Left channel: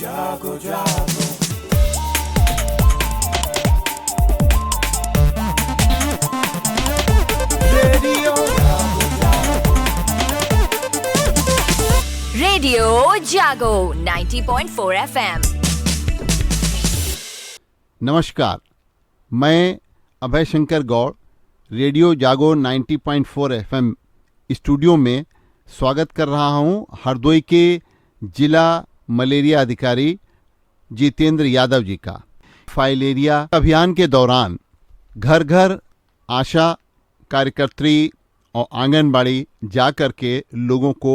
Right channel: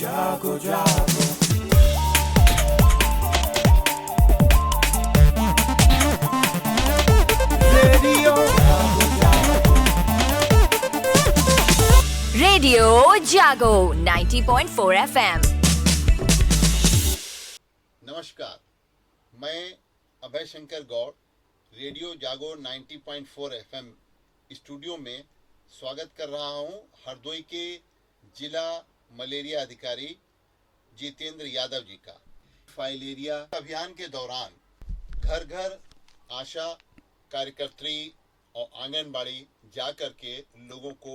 जागो जागो रेडियो जागो जागो रेडियो जागो 90.4 FM। नमस्कार, मैं अभय शंकर गौड़ रेडियो जागो 90.4 FM स्टूडियो में स्वागत कर रहा हूं हरदोई के जिला मलेरिया अधिकारी जितेंद्र यादव जी का। फाइलेरिया अभियान के दौरान घर घर आशा कार्यकर्त्री और आंगनबाड़ी जा कर के लोगों को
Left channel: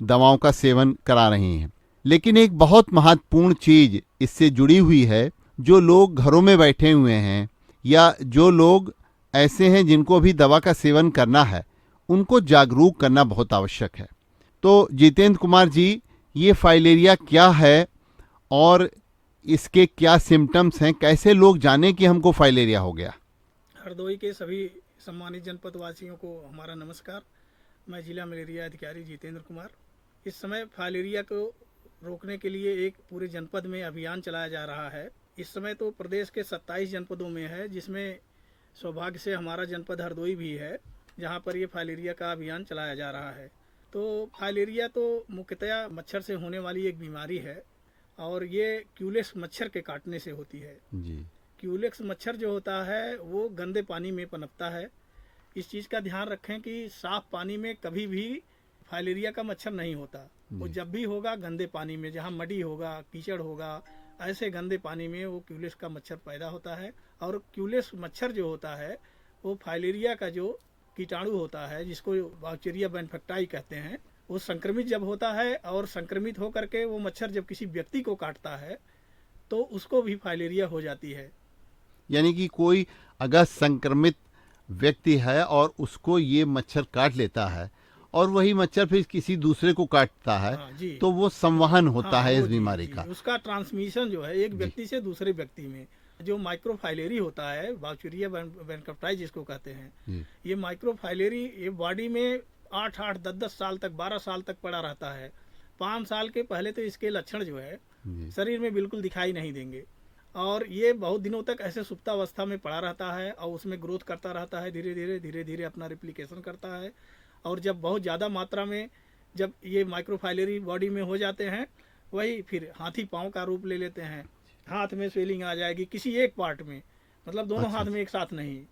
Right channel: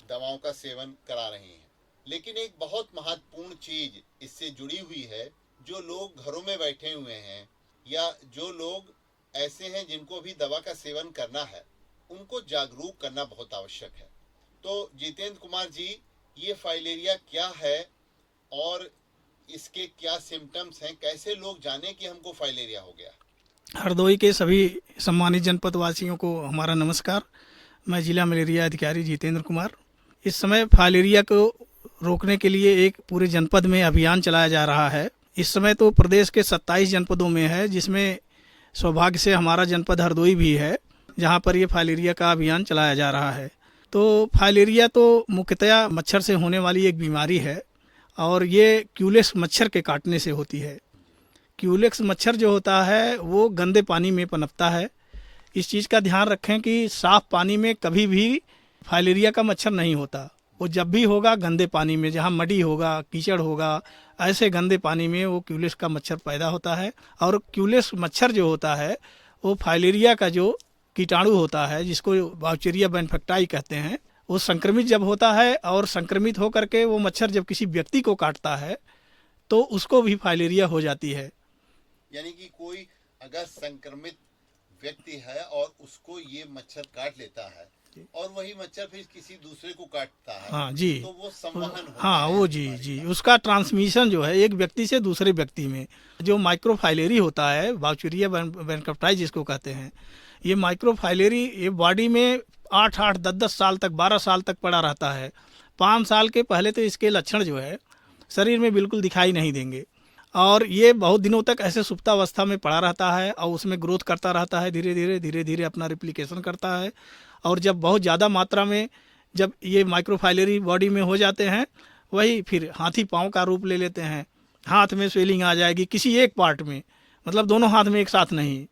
दवाओं का सेवन करा रही हैं, लेकिन एक बहुत महत्वपूर्ण चीज इससे जुड़ी हुई है। जो लोग घरों में बैठे हुए हैं या जो लोग ऐसे हैं जिनको भी दवा का सेवन करना है, उनको जागरूक करना बहुत आवश्यक है। तो जितेंद्र कुमार जी, ये फाइलेरिया क्या है और इसके क्या सिम्टम्स हैं, कैसे लोग जाने कि हमको फाइलेरिया हो गया? हरदोई के सभी सम्मानित जनपद वासियों को हमारा नमस्कार। मैं जिला मलेरिया अधिकारी जितेंद्र कुमार। इस समय फाइलेरिया को रोकने के लिए एक पूरे जनपद में अभियान चलाया जा रहा है। इस समय तो प्रदेश के 27 जनपदों में है, जिसमें सौभाग्य से हमारा जनपद हरदोई भी है, जहां पर ये फाइलेरिया का अभियान चलाया जा रहा है। तो फाइलेरिया तो मुख्यतया मच्छर से होने वाली एक बीमारी है और ये क्यूलेक्स मच्छर के काटने से होती है। क्यूलेक्स मच्छर जो होता है वो गंदे पानी में पनपता है। इस चीज़ का ध्यान रखें कि साफ पानी में कभी भी फाइलेरिया का मच्छर नहीं होता। वो जब भी होगा गंदे पानी में, जहाँ मडी होगा, कीचड़ होगा, ऐसे गंदे पानी में वो क्यूलेक्स का मच्छर पैदा होता है। और क्यूलेक्स मच्छर जो होता है वो फाइलेरिया का जो कीटाणु होता है, जिसको बाउचेरिया बैनफेक्टाई कहते हैं, वो संक्रमित जब होता है और संक्रमित होकर के वो मच्छर जब किसी व्यक्ति को काटता है तो उसको भी फाइलेरिया हो जाती है। यानी कि कोई अगर संक्रमित व्यक्ति है और उसको ये मच्छर काट लेता है और वही मच्छर फिर किसी दूसरे को काटता है, हाँ जी, तो वो संवहन होता है वो इस बीमारी का। उसका ट्रांसमिशन जो है एक व्यक्ति से दूसरे व्यक्ति में, जो माइक्रोफाइलेरी होता है, बाउचेरिया बैनफेक्टाई जिसको कहते हैं, ये माइक्रोफाइलेरी ये बॉडी में 8-8, 10-10 साल तक, 12 साल तक पड़ा रहता है। 5 साल के पहले तो इसके लक्षण जो है शरीर में बिल्कुल दिखाई नहीं देंगे और ये बहुत दिनों तक ऐसे सुप्तावस्था में पड़ा रहता है और उसमें ग्रोथ करता रहता है, धीरे धीरे अपना रिप्लिकेशन करता है। और जब बहुत ज़्यादा मात्रा में जब ये माइक्रोफाइलेरी बॉडी में हो जाते हैं, वही फिर हाथी पाँव का रूप ले लेते हैं। हाथ में स्वेलिंग आ जाएगी किसी एक पार्ट में, मतलब दोनों हाथ में एक साथ नहीं,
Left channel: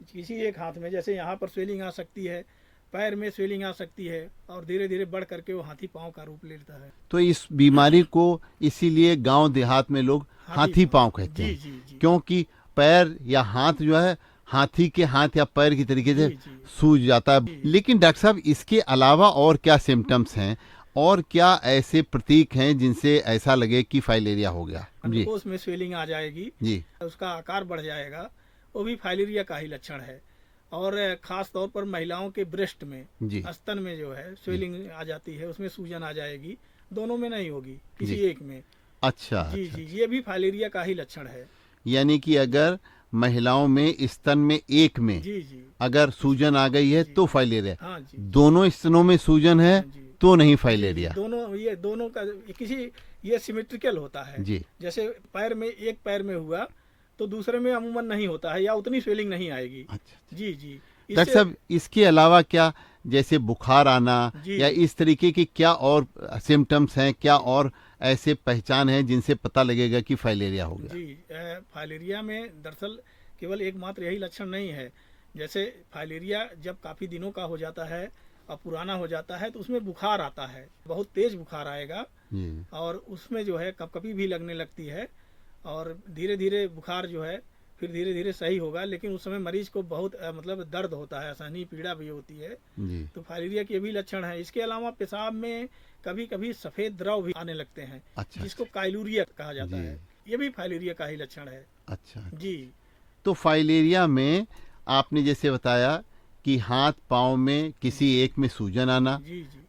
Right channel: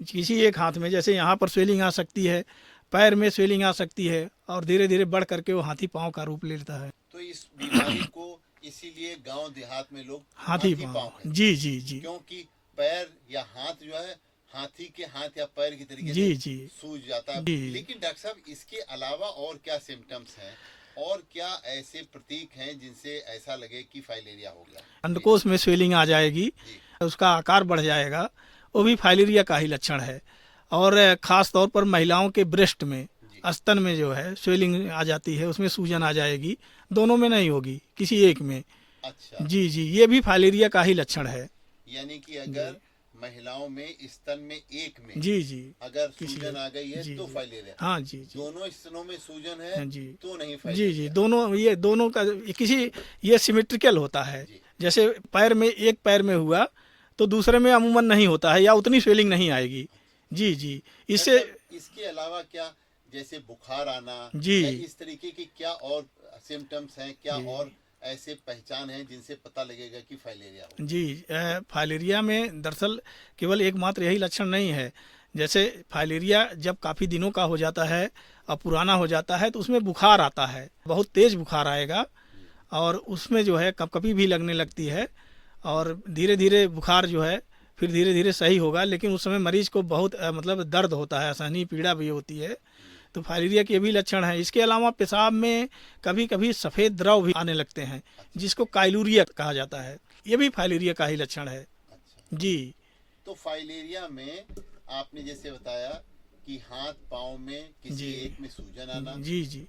किसी एक हाथ में, जैसे यहाँ पर स्वेलिंग आ सकती है, पैर में स्वेलिंग आ सकती है और धीरे धीरे बढ़ करके वो हाथी पाँव का रूप ले लेता है। तो इस बीमारी को इसीलिए गांव देहात में लोग हाथी पाँव कहते हैं। जी, क्योंकि पैर या हाथ जो है हाथी के हाथ या पैर की तरीके से सूज जाता है। लेकिन डॉक्टर साहब, इसके अलावा और क्या सिम्टम्स हैं और क्या ऐसे प्रतीक हैं जिनसे ऐसा लगे कि फाइलेरिया हो गया? अंडकोश में स्वेलिंग आ जाएगी, उसका आकार बढ़ जाएगा, वो भी फाइलेरिया का ही लक्षण है। और खास तौर पर महिलाओं के ब्रेस्ट में, स्तन में जो है स्वेलिंग आ जाती है, उसमें सूजन आ जाएगी। दोनों में नहीं होगी, किसी एक में। अच्छा जी, ये भी फाइलेरिया का ही लक्षण है। यानी कि अगर महिलाओं में स्तन में एक में अगर सूजन आ गई है तो फाइलेरिया। हाँ जी, दोनों स्तनों में सूजन है तो नहीं फाइलेरिया। दोनों का किसी ये सिमेट्रिकल होता है। जैसे पैर में, एक पैर में हुआ तो दूसरे में अमूमन नहीं होता है या उतनी स्वेलिंग नहीं आएगी। जी, इससे इसके अलावा क्या, जैसे बुखार आना या इस तरीके की क्या और सिम्टम्स हैं, क्या और ऐसे पहचान है जिनसे पता लगेगा कि फाइलेरिया होगा? जी, फाइलेरिया में दरअसल केवल एकमात्र यही लक्षण नहीं है। जैसे फाइलेरिया जब काफ़ी दिनों का हो जाता है और पुराना हो जाता है तो उसमें बुखार आता है, बहुत तेज बुखार आएगा और उसमें जो है कपकपी भी लगने लगती है और धीरे धीरे बुखार जो है फिर धीरे धीरे सही होगा। लेकिन उस समय मरीज को बहुत मतलब दर्द होता है, असहनीय पीड़ा भी होती है। तो फाइलेरिया के भी लक्षण है। इसके अलावा पेशाब में कभी कभी सफ़ेद द्रव भी आने लगते हैं, जिसको काइलूरिया कहा जाता है। ये भी फाइलेरिया का ही लक्षण है। अच्छा जी, तो फाइलेरिया में आपने जैसे बताया कि हाथ पाँव में किसी एक में सूजन आना,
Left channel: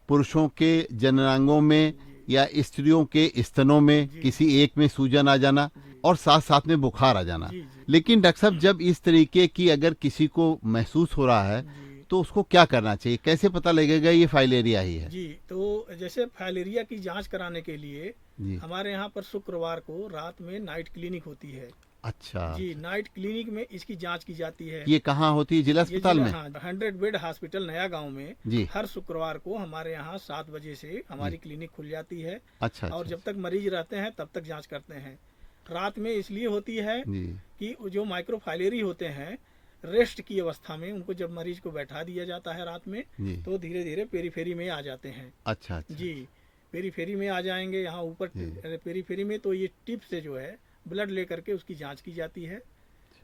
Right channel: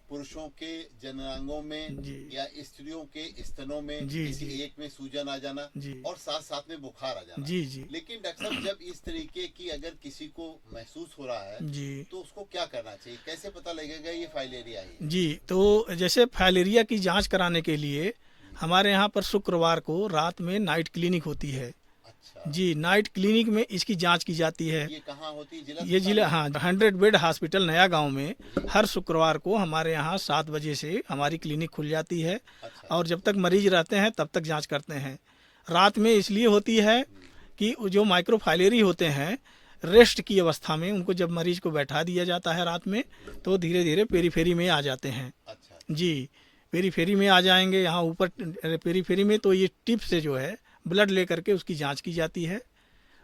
पुरुषों के जननांगों में या स्त्रियों के स्तनों में किसी एक में सूजन आ जाना और साथ साथ में बुखार आ जाना। लेकिन डॉक्टर साहब, जब इस तरीके की अगर किसी को महसूस हो रहा है तो उसको क्या करना चाहिए? कैसे पता लगेगा ये फाइलेरिया ही है? जी, तो जैसे फाइलेरिया की जांच कराने के लिए जी। हमारे यहाँ पर शुक्रवार को रात में नाइट क्लिनिक होती है। अच्छा जी, नाइट क्लिनिक में इसकी जांच की जाती है। ये कहाँ होती है? जिला ये अस्पताल जिला, में? हाँ, 100 बेड हॉस्पिटल नया गांव में जी। हर शुक्रवार को हमारे यहाँ 7 बजे से हमारी क्लिनिक खुल जाती है। अच्छा और जब तक मरीज रहते हैं तब तक जांच करते हैं। रात में इसलिए होती है जी। कि जो माइक्रोफाइलेरी होते हैं, रेस्ट की अवस्था में उनको जब मरीज को बैठा दिया जाता है रात में, जी। तो धीरे धीरे पेरीफेरी में आ जाते हैं। अच्छा अच्छा। जी, पेरीफेरी में आ जाएंगे। यहाँ ऊपर पेरीफेरी में तो ये टिप से जो है ब्लड लेकर के उसकी जांच की जाती है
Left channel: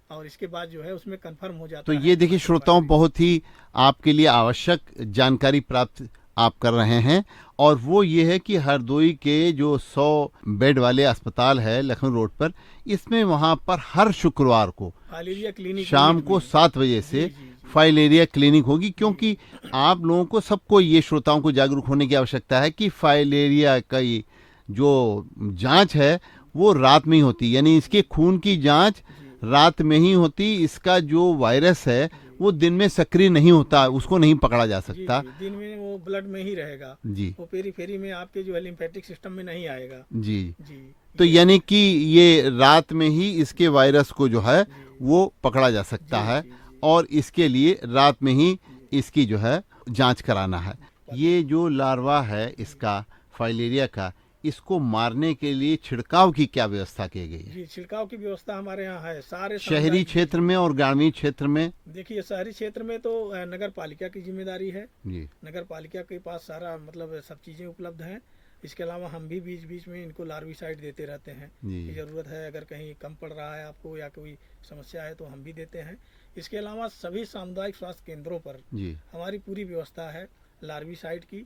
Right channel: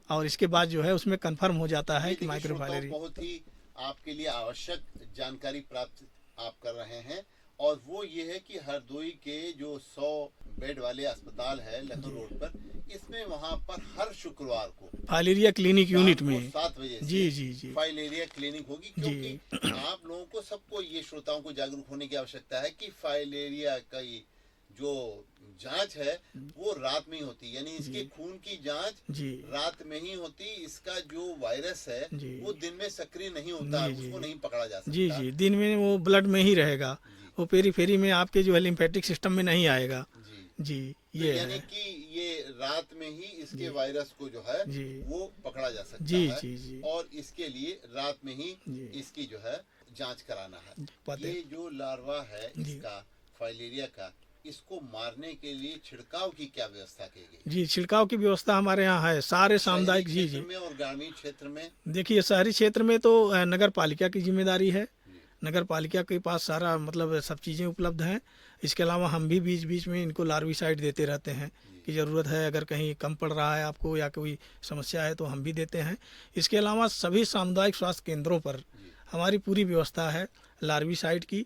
और इसके बाद जो है उसमें कंफर्म हो जाता तो है। ये देखिए श्रोताओं, बहुत ही आपके लिए आवश्यक जानकारी प्राप्त आप कर रहे हैं, और वो ये है कि हरदोई के जो 100 बेड वाले अस्पताल है लखनऊ रोड पर, इसमें वहाँ पर हर शुक्रवार को फाइलेरिया क्लिनिक शाम यूनिट को में। 7 बजे से जी। फाइलेरिया क्लिनिक होगी, क्योंकि आप लोगों को, सबको, ये श्रोताओं को जागरूक होने की आवश्यकता है कि फाइलेरिया का ये जो जांच है वो रात में ही होती, यानी इसके खून की जांच जी। रात में ही होती। इसका जो वायरस है जी। वो दिन में सक्रिय नहीं होता, उसको नहीं पकड़ा जा जी सकता। जी, दिन में वो ब्लड में ही रहेगा। जी वो पेरीफेरी में आपके जो है लिम्फेटिक सिस्टम में नहीं आएगा। जी। जी, तो ये यानी कि ये रात में ही इसके वायरस को जो है जी। वो पकड़ा जा सकता जी, है, जी, जी। और इसके लिए रात में ही जी। इसकी जो है जांच कराना है। ये जो लार्वा है इसका, फाइलेरिया का, इसको मारने के लिए छिड़काव की क्या व्यवस्था की गई? जी, छिड़काव की व्यवस्था हमारे यहाँ है सारे शहरी सामुदायिक। जी, क्षेत्र जी। में और ग्रामीण क्षेत्र में? देखिए, शहरी क्षेत्र में तो नगर पालिका की जिम्मेदारी है। जी नगर पालिका के पास सारा मतलब सब चीज़ें उपलब्ध हैं। इसके अलावा हम भी बीच बीच में इनको लार्विसाइड देते रहते हैं जी। कि ज़रूरत है, अगर कहीं कम पड़ रहा है आपको या कोई समस्या है तो हम भी देते हैं। इसके अलावा सभी सामुदायिक स्वास्थ्य केंद्रों पर जी। हमारी पूरी व्यवस्था है लार्विसाइड की,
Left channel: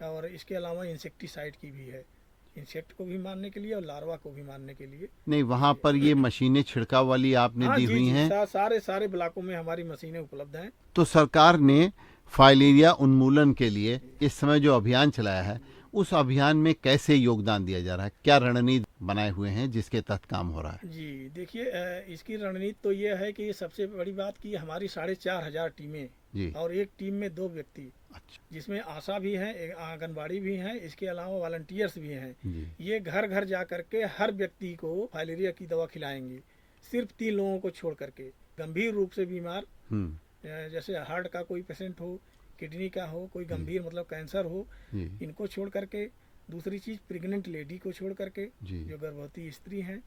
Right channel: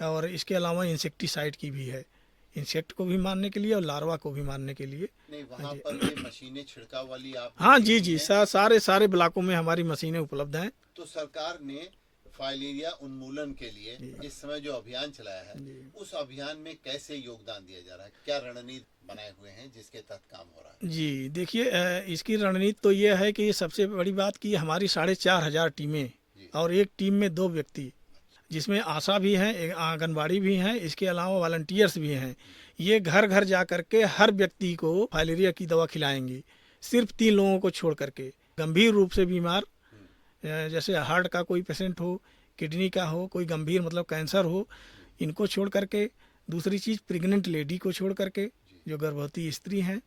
और इसके अलावा इंसेक्टिसाइड की भी है, इंसेक्ट को भी मारने के लिए और लार्वा को भी मारने के लिए। नहीं, वहाँ पर ये मशीनें छिड़काव वाली आपने हाँ दी जी हुई जी, हैं? सारे ब्लॉकों में हमारी मशीनें उपलब्ध हैं। तो सरकार ने फाइलेरिया उन्मूलन के लिए इस समय जो अभियान चलाया है, उस अभियान में कैसे योगदान दिया जा रहा है? क्या रणनीति बनाए हुए हैं जिसके तहत काम हो रहा है? जी, देखिए, इसकी रणनीति तो ये है कि सबसे बड़ी बात की हमारी 4,500 टीमें जी। और एक टीम में 2 व्यक्ति, जिसमें आशा भी हैं, एक आंगनबाड़ी भी हैं, इसके अलावा वॉलंटियर्स भी हैं। ये घर घर जा करके हर व्यक्ति को फाइलेरिया की दवा खिलाएंगे, सिर्फ 3 लोगों को छोड़ करके। गंभीर रूप से बीमार, जैसे हार्ट का कोई पेशेंट हो, किडनी का हो, कोई गंभीर मतलब कैंसर हो, इनको छोड़ करके। दूसरी चीज़ प्रेग्नेंट लेडी को छोड़ करके, जो गर्भवती स्त्री हैं।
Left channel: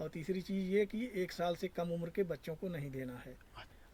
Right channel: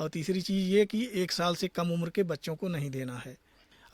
और तीसरी चीज़ ये कि 1 साल से कम उम्र के बच्चों को नहीं देना है।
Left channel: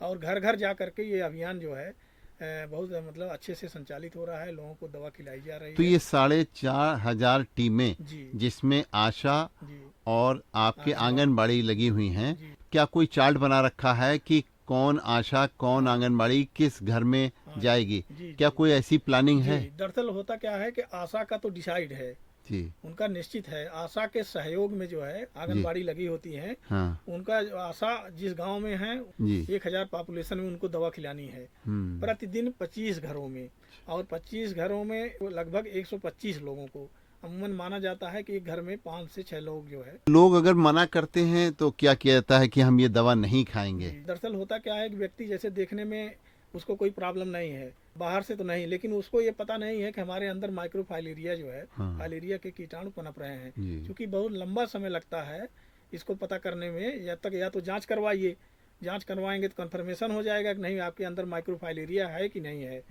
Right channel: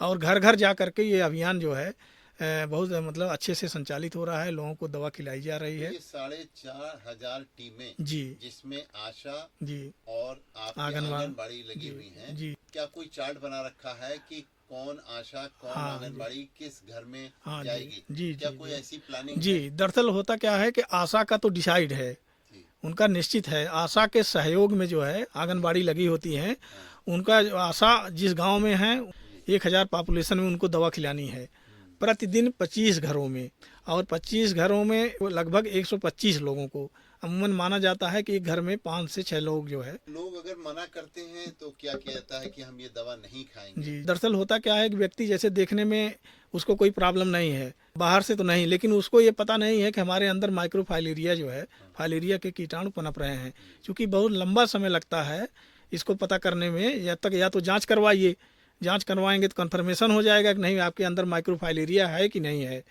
और घर घर जा करके ये अभियान जो है बहुत मतलब अच्छे से संचालित हो रहा है, लोगों को दवा खिलाई जा रही तो है। ये 4,500 टीमें, जी जिसमें आशा जी और आपके आंगनबाड़ी लगी हुई हैं, जी। क्या कोई चार्ट बना रखा है कि कौन आशा, कौन आंगनबाड़ी किस घर में हाँ, जाएगी? जी, क्या जी, कोई ऐसी प्लानिंग जी। है? दरअसल होता क्या है कि आशा का तो डिसाइड है, जी। उनका निश्चित है। आशा के सहयोग में जो है आंगनबाड़ी लगी होती है, हाँ। उनका आशा जिस गांव में है, जी। 1000 पॉपुलेशन में उनको दवा खिलानी है प्रतिदिन 25 घरों में, और 25 घरों में लगभग 125 लोगों को। अमूमन माना जाता है कि एक घर में 5 से 6 लोग जो है। लोग अगर मना करते हैं तो क्या किया जाता है कि हम ये दवा नहीं खाएंगे? जी, दरअसल होता क्या है कि व्यक्ति जैसे देखने में उसको कोई प्रॉब्लम नहीं है, बाहर से तो नहीं, लेकिन उसको ये पता नहीं है कि हमारे अंदर माइक्रोफाइलेरिया जो है, फाइलेरिया के कीटाणु पनप रहे हैं। क्योंकि बहुत लंबा समय लगता है इसको पता करने में। जब तक या तो जांच करवाइए, जांच करवाएंगे तो कंफर्मेशन हो जाएगा कि नहीं आपके अंदर माइक्रोफाइलेरिया है कि नहीं है।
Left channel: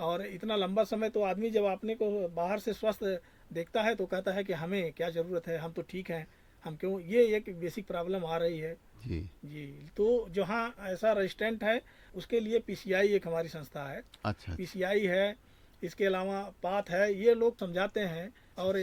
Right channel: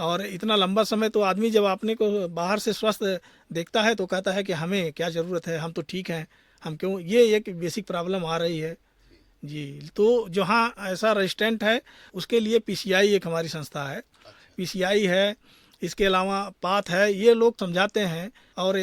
और इतना लंबा समय तो आदमी जब अपने को बाहर से स्वस्थ देखता है तो कहता है कि हमें क्या ज़रूरत है, हम तो ठीक हैं, हम क्यों, ये एक बेसिक प्रॉब्लम आ रही है। जी, तो जहाँ ऐसा रेजिस्टेंट है उसके लिए पीसीआई एक हमारी संस्था है। अच्छा। पीसीआई है, इसके अलावा पाथ है, ये लोग समझाते हैं। और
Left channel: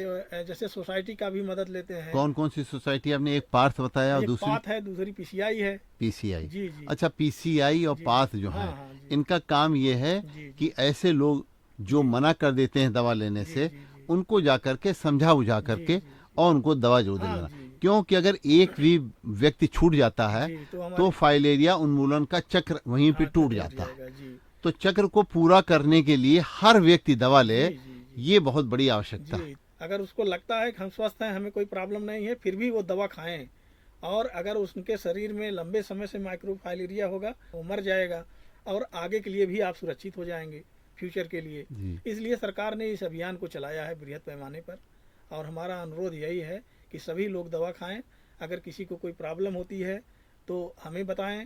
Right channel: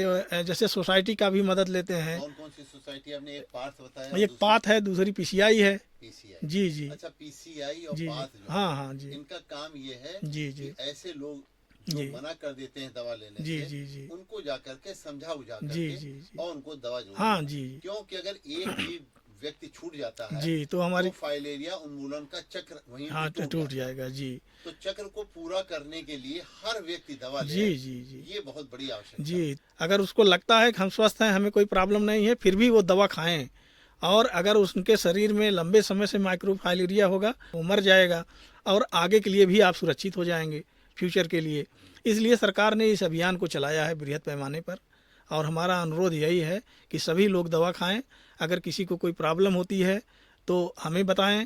जैसे सोसाइटी का भी मदद लेते हैं। कौन कौन सी सोसाइटी? आपने एक पार्थ बताया, एक पाथ है, दूसरी पीसीआई है। पीसीआई। जी जी। अच्छा, पीसीआई और जी, पाथ जो हाँ, है, हाँ, जी। इनका काम ये है जी, कि ऐसे लोग जो मना कर देते हैं दवा लेने जी, से, जी, जी। उनको जा करके समझा बुझा करके जी, जी। और उनको दवा जो हाँ, देगा। जी। क्योंकि अगर एक भी व्यक्ति छूट जाता है जी, तो तो हमारी फाइलेरिया उन्मूलन का चक्र वहीं पे हाँ, टूट जाता है। जाएगा। जी तो चक्र को पूरा करने के लिए हर व्यक्ति दवा ले, जी, जी, जी। ये बहुत बड़ी आवश्यकता है। जी, अगर उसको लगता है कि हम स्वस्थ हैं, हमें कोई प्रॉब्लम नहीं है, फिर भी वो दवा खाएं। और अगर उसके शरीर में लंबे समय से माइक्रोफाइलेरिया होगा, वो मर जाएगा, और आगे के लिए भी आप सुरक्षित हो जाएंगे, फ्यूचर के लिए। इसलिए सरकार ने इस अभियान को चलाया है बृहद पैमाने पर, और हमारा अनुरोध यही है कि सभी लोग दवा खाएं। अगर किसी को कोई प्रॉब्लम होती है तो हमें बताएं,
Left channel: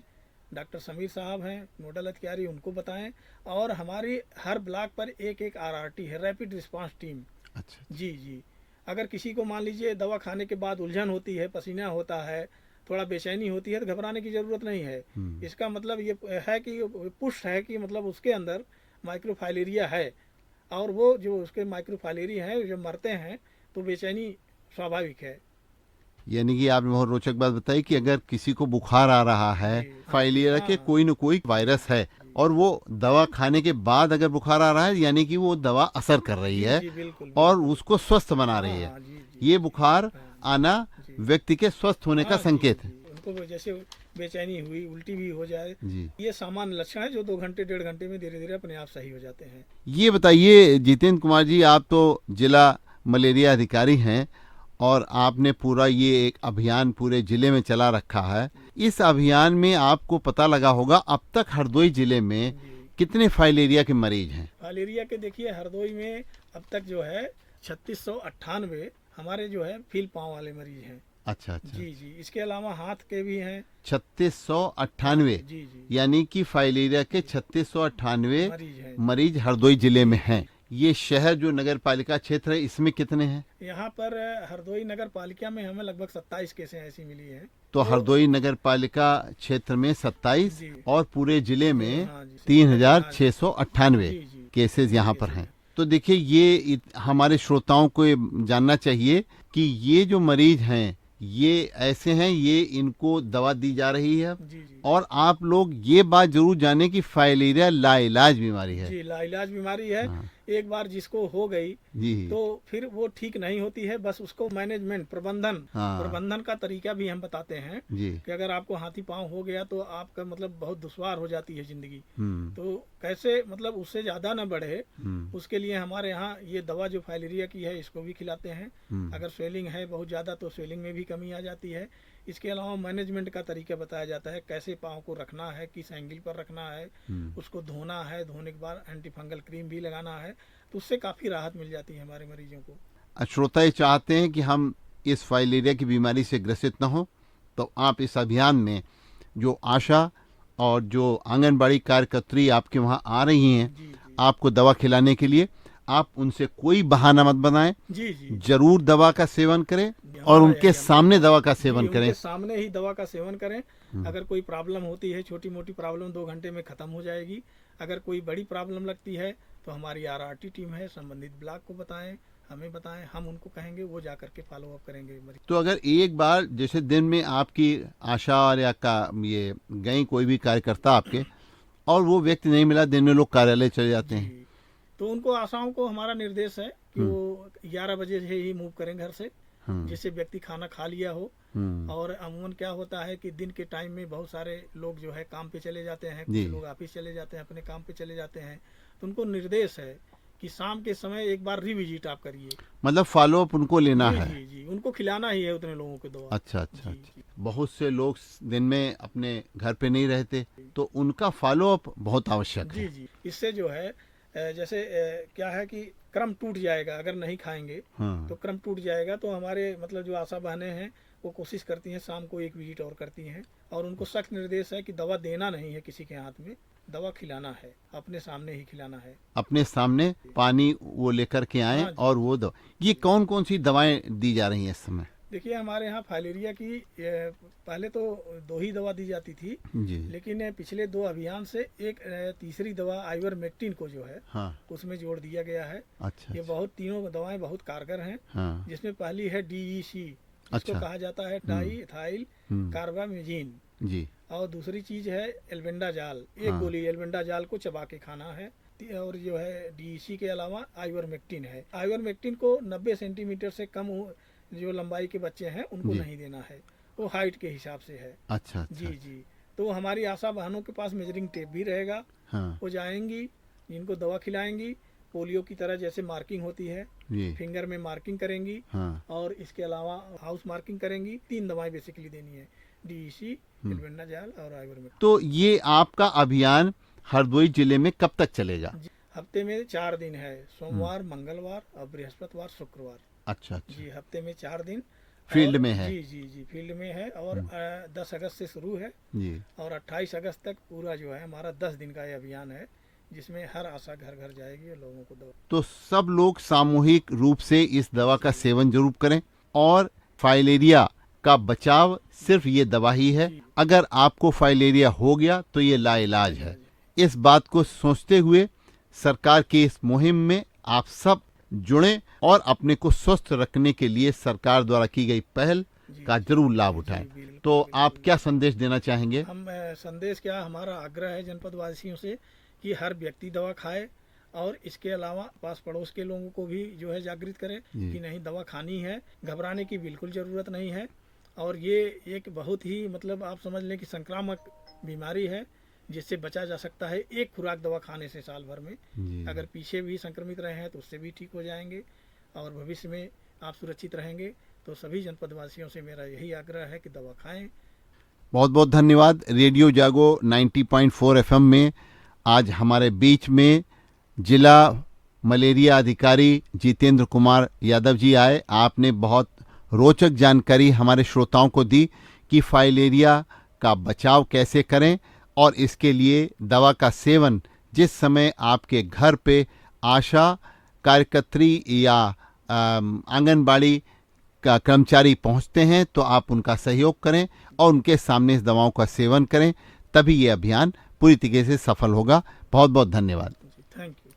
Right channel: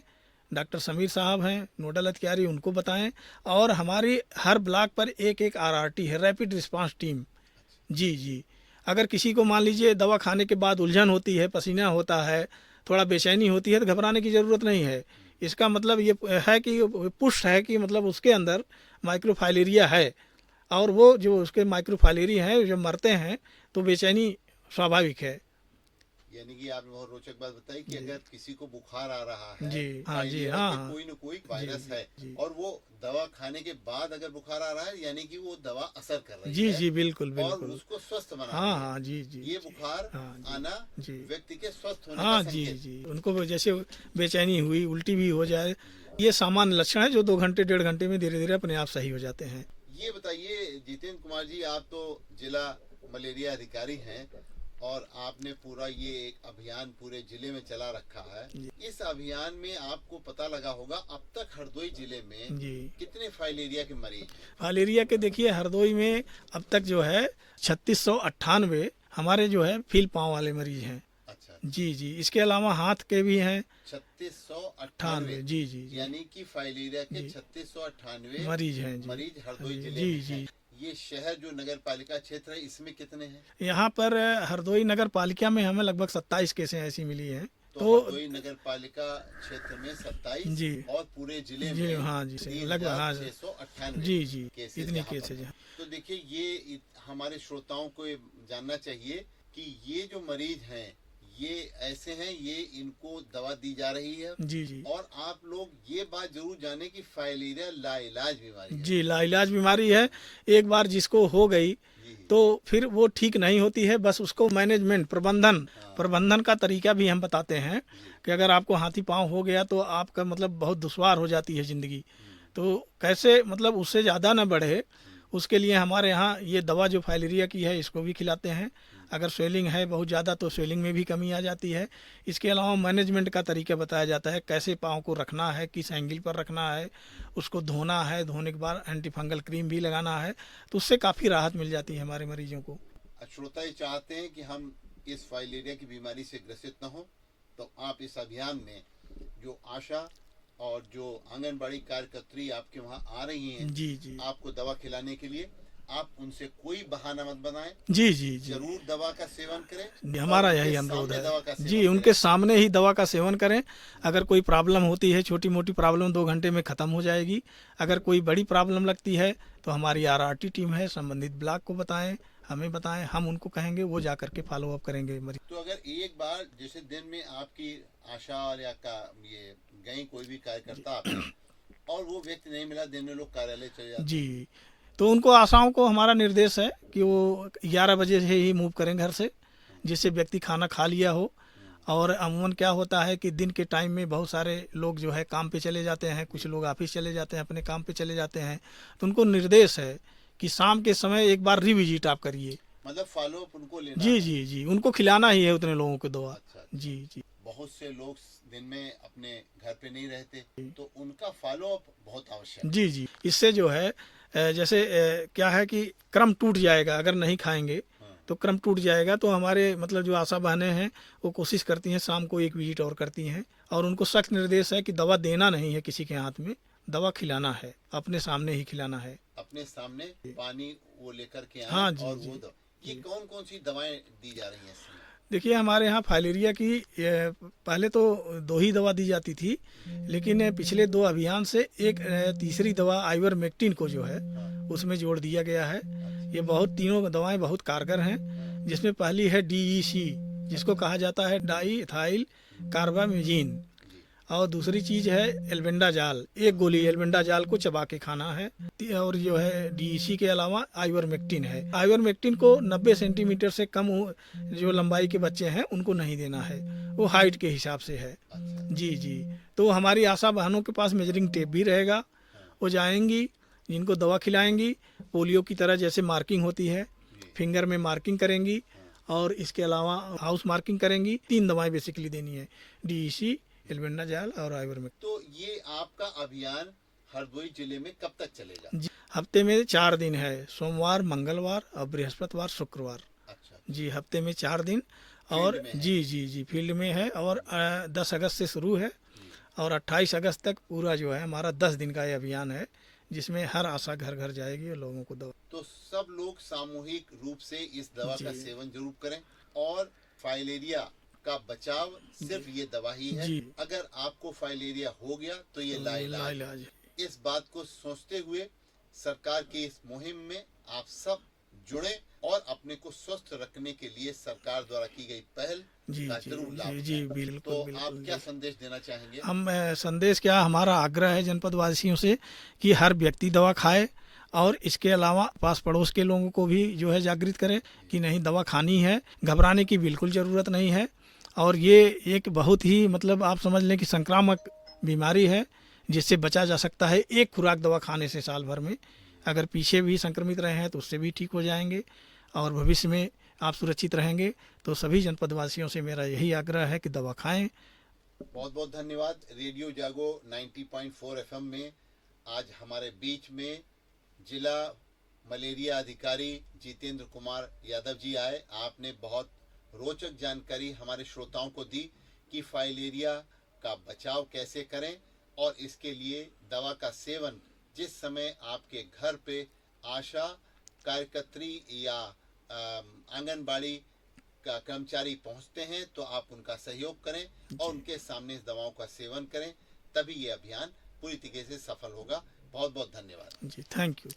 डॉक्टर समीर साहब हैं नोडल अधिकारी, उनको बताएं। और हमारी हर ब्लॉक पर एक एक RRT है, रैपिड रिस्पांस टीम। अच्छा। जी जी। अगर किसी को मान लीजिए दवा खाने के बाद उलझन होती है, पसीना होता है, थोड़ा बेचैनी होती है, तो घबराने की ज़रूरत नहीं है। इसका मतलब ये है कि पुष्ट है कि मतलब उसके अंदर माइक्रोफाइलेरिया है, और वो जो उसके माइक्रोफाइलेरिया हैं जो मरते हैं तो बेचैनी स्वाभाविक है। यानी कि आपने बहुत रोचक बात बताई कि अगर किसी को बुखार आ रहा है, जी, हाँ, फाइलेरिया जी, के हाँ, कोई न कोई वायरस है, और वो दवा खाने के बाद अगर बुखार आ रहा है, यानी कि वो दवा असर कर रही जी है जी बिल्कुल और बिल्कुल। उसको स्वस्थ बना हाँ, रही हाँ, है। जी जी ये जी, बुखार हाँ, आना जी। व्यक्ति के स्वस्थ होने का हाँ, संकेत जी, है। जी। उनको जैसे बेचैनी हुई, उल्टी भी हो जाए, जी। ये सामान्य लक्षण है जो 2 घंटे 1.5 घंटे में धीरे धीरे अपने आप सही हो जाते हैं। ये बताइए जितेंद्र कुमार जी, आप तो जिला मलेरिया अधिकारी हैं और आपने पूरा ये एक अभियान पूरे जिले में चला रखा है। इस अभियान में आपको पता लगा होगा अब तक हरदोई जिले में जी। कितने फाइलेरिया के मरीज हैं? फाइलेरिया के देखिए हरदोई में अब तक जो है 3698 हमारे जो है फील पाँव वाले मरीज हैं। अच्छा अच्छा। जी जी। इसके अलावा हाथ के भी हैं 3698। जी जी। यानी कि फाइलेरिया के 3698 मरीज हैं। मरीज हरदोई जिले जी, में जी। हैं। ये शहर जो नगर पालिका क्षेत्र है इसमें कितने हैं? यहाँ पर हरदोई नगर पालिका में हमें लगभग 27 केसें ऐसी मिली हैं। तो हरदोई नगर पालिका क्षेत्र में 27 जी। और पूरे जिले जी, में हाँ जी, 3698 जी, जी। केसेस यहाँ पर केसेस हैं। हैं। तो देखिए ये हमारे श्रोताओं को ये जानना चाहिए कि ये जो मरीज हैं ये ऐसे हैं, ये इनको दवा दी जा रही है, जी जी। और आप लोग ये बात जरूर जाने कि फाइलेरिया लाइलाज बीमारी है। जी, लाइलाज बीमारी है। एक बार जिसको हो गई जी। तो फिर वो ठीक नहीं होती है, बस उसको मैनेजमेंट प्रबंधन का तरीका भी हम बताते हैं जी। कि अगर आपको हाथी पांव हो गया तो आपका मतलब बहुत दुश्वार हो जाती है जिंदगी। हम्म। तो कैसे मतलब उससे ज़्यादा ना बढ़े, उसके लिए हमारे यहाँ ये दवा जो फाइलेरिया की है इसको भी खिलाते हैं। अगर स्वेलिंग है बहुत ज़्यादा तो स्वेलिंग में भी कमी आ जाती है। इसके अलावा मैनेजमेंट का तरीका बताया जाता है, कैसे पाँव को रखना है, किस एंगल पर रखना है, उसको धोना है, धोने के बाद एंटी फंगल क्रीम भी लगाना है, तो उससे काफ़ी राहत मिल जाती है हमारे मरीजों को। श्रोता ये चाहते हैं कि हम इस फाइलेरिया की बीमारी से ग्रसित न हो, तो आप इस अभियान में जो आशा और जो आंगनबाड़ी कार्यकर्त्री आपके वहाँ आ रही हैं जी जी। आपको दवा खिलाने के लिए, आप उनसे कोई बहाना मत बनाएं। जी जी। जरूर दवा का सेवन करें हमारा और यही उनके अनुरोध सामने है। दवा का जी, सेवन उनके करें। सामने ही दवा का सेवन करें। अगर कोई प्रॉब्लम होती है, छोटी मोटी प्रॉब्लम 2 घंटे में ख़त्म हो जाएगी। अगर कोई बड़ी प्रॉब्लम लगती है तो हमारी RRT टीम है, संबंधित ब्लॉक को बताएं, हमें बताएं, हम उनको कहेंगे, वो जा करके फॉलो अप करेंगे मरीज। तो अगर एक बार जैसे दिन में आपकी आशा और या का ये गई कोई भी कार्यकर्ता आपके और वो व्यक्ति नहीं मिला, दिन में लोग कार्यालय चले जाते हैं, जी, तो उनको आशाओं को हमारा निर्देश है कि वो 11 बजे से ही मूव करें घर से, जिससे व्यक्ति खाना खा लिया हो। और अमूमन क्या होता है कि दिन के टाइम में बहुत सारे लोग जो है काम पे चले जाते हैं, कुछ लोग ऑफिस चले जाते हैं, अपने काम पे चले जाते हैं, तो उनको निर्देश है कि शाम के समय एक बार रिविजिट आप करिए। मतलब फॉलो अप उनको लेना जी है। जी जी, उनको खिलाना ही है उतने लोगों को दवा। अच्छा अच्छा। जी जी। बहुत से लोग दिन में अपने घर पे नहीं रहते, तो उनका फॉलो अप बहुत आवश्यक है। जी जी। इससे जो है जैसे क्या है कि क्रम टूट जाएगा, अगर नहीं खाएंगे तो क्रम टूट जाएगा। तो हमारे मतलब जो आशा बहनें हैं वो कोशिश करती हैं शाम को एक विजिट और करती हैं, और उनको सख्त निर्देश है कि दवा देना नहीं है किसी के हाथ में, दवा खिलाना है, अपने सामने ही खिलाना है। अपने सामने पानी वो लेकर के आए। हाँ जी, और वो दवा, ये कौन कौन सी दवाएं दी जा रही हैं इस समय? देखिए हमारे यहाँ फाइलेरिया की पहले तो 2 ही दवा दी जाती थी, जी। लेकिन पिछले 2 अभियान से एक तीसरी दवा आइवरमेक्टिन को जो है उसमें जोड़ दिया गया है। अच्छा। ये बहुत तीनों दवाएं बहुत कारगर हैं। जिसमें पहली है DEC, जिसको कहा जाता है डाई इथाइल कार्बामेजिन, जी। और दूसरी चीज है एल्बेंडाजाल। एक गोली एल्बेंडाजाल को चबा के खाना है। और जो है DEC के अलावा आइवरमेक्टिन है। आइवरमेक्टिन को 90 सेंटीमीटर से कम जो लंबाई के बच्चे हैं उनको नहीं देना है, वो हाइट के हिसाब से है। अच्छा। जी जी। तो हमारी आशा बहनों के पास मेजरिंग टेप भी रहेगा। वो जाएंगी, इनको दवा खिलाएंगी, पोलियो की तरह जैसे मार्किंग होती है, फिंगर में मार्किंग करेंगी, और इसके अलावा हाउस मार्किंग करेंगी। 3 दवाएं बेसिकली देनी है, DEC, एल्बेंडाजाल और आइवरमेक्टिन। तो ये आपका अभियान हरदोई जिले में कब तक चलेगा? हफ्ते में 4 दिन है, सोमवार, मंगलवार और बृहस्पतिवार, शुक्रवार। अच्छा अच्छा। जी, हफ्ते में 4 दिन फील्ड और में है। जी जी जी, फील्ड में है। और 10 अगस्त से शुरू है जी और 28 अगस्त तक पूरा जो है हमारा 10 दिन का ये अभियान है, जिसमें हर आशा घर घर जाएगी और लोगों को दवा। तो सब लोग सामूहिक रूप से इस दवा का सेवन जरूर करें और फाइलेरिया का बचाव सिर्फ ये दवा ही है। जी। अगर आपको फाइलेरिया हो गया तो ये लाइलाज है। इलाज है। इस बात को सोचते हुए सरकार की इस मुहिम में आप सब जुड़ें और अपने को स्वस्थ रखने के लिए सरकार द्वारा की गई पहल जी, का जी, जरूर लाभ जी, उठाएं। बिल्कुल, तो बिल्कुल, आप क्या संदेश देना चाहेंगे? हम संदेश क्या, हमारा आग्रह है जनपद वासियों से कि हर व्यक्ति दवा खाए और इसके अलावा पास पड़ोस के लोगों को भी जो है जागृत करें कि नहीं, दवा खानी है, घबराने की बिल्कुल ज़रूरत नहीं है। और ये एक बहुत ही मतलब आप समझ लें कि संक्रामक बीमारी है जिससे बचा जा सकता है एक खुराक दवा खाने से साल भर में। अगर पीछे भी संक्रमित रहे हैं तो उससे भी ठीक हो जाएंगे और भविष्य में आप सुरक्षित रहेंगे। तो सभी जनपद वासियों से मेरा यही आग्रह है कि दवा खाएं। बहुत बहुत धन्यवाद। रेडियो जागो 90.4 एफएम में आज हमारे बीच में जिला मलेरिया अधिकारी जितेंद्र कुमार यादव जी आए। आपने बहुत रोचक जानकारी हमारे श्रोताओं को दी कि फाइलेरिया का बचाव कैसे करें और इसके लिए दवा का सेवन जिस समय आपके घर पे आशा कार्यकर्त्री या आंगनबाड़ी का कर्मचारी पहुंचते हैं तो आप उनका सहयोग करें और उनके सामने इस दवाओं का सेवन करें, तभी ये अभियान पूरी तरीके से सफल होगा। बहुत बहुत धन्यवाद। जी, थैंक यू।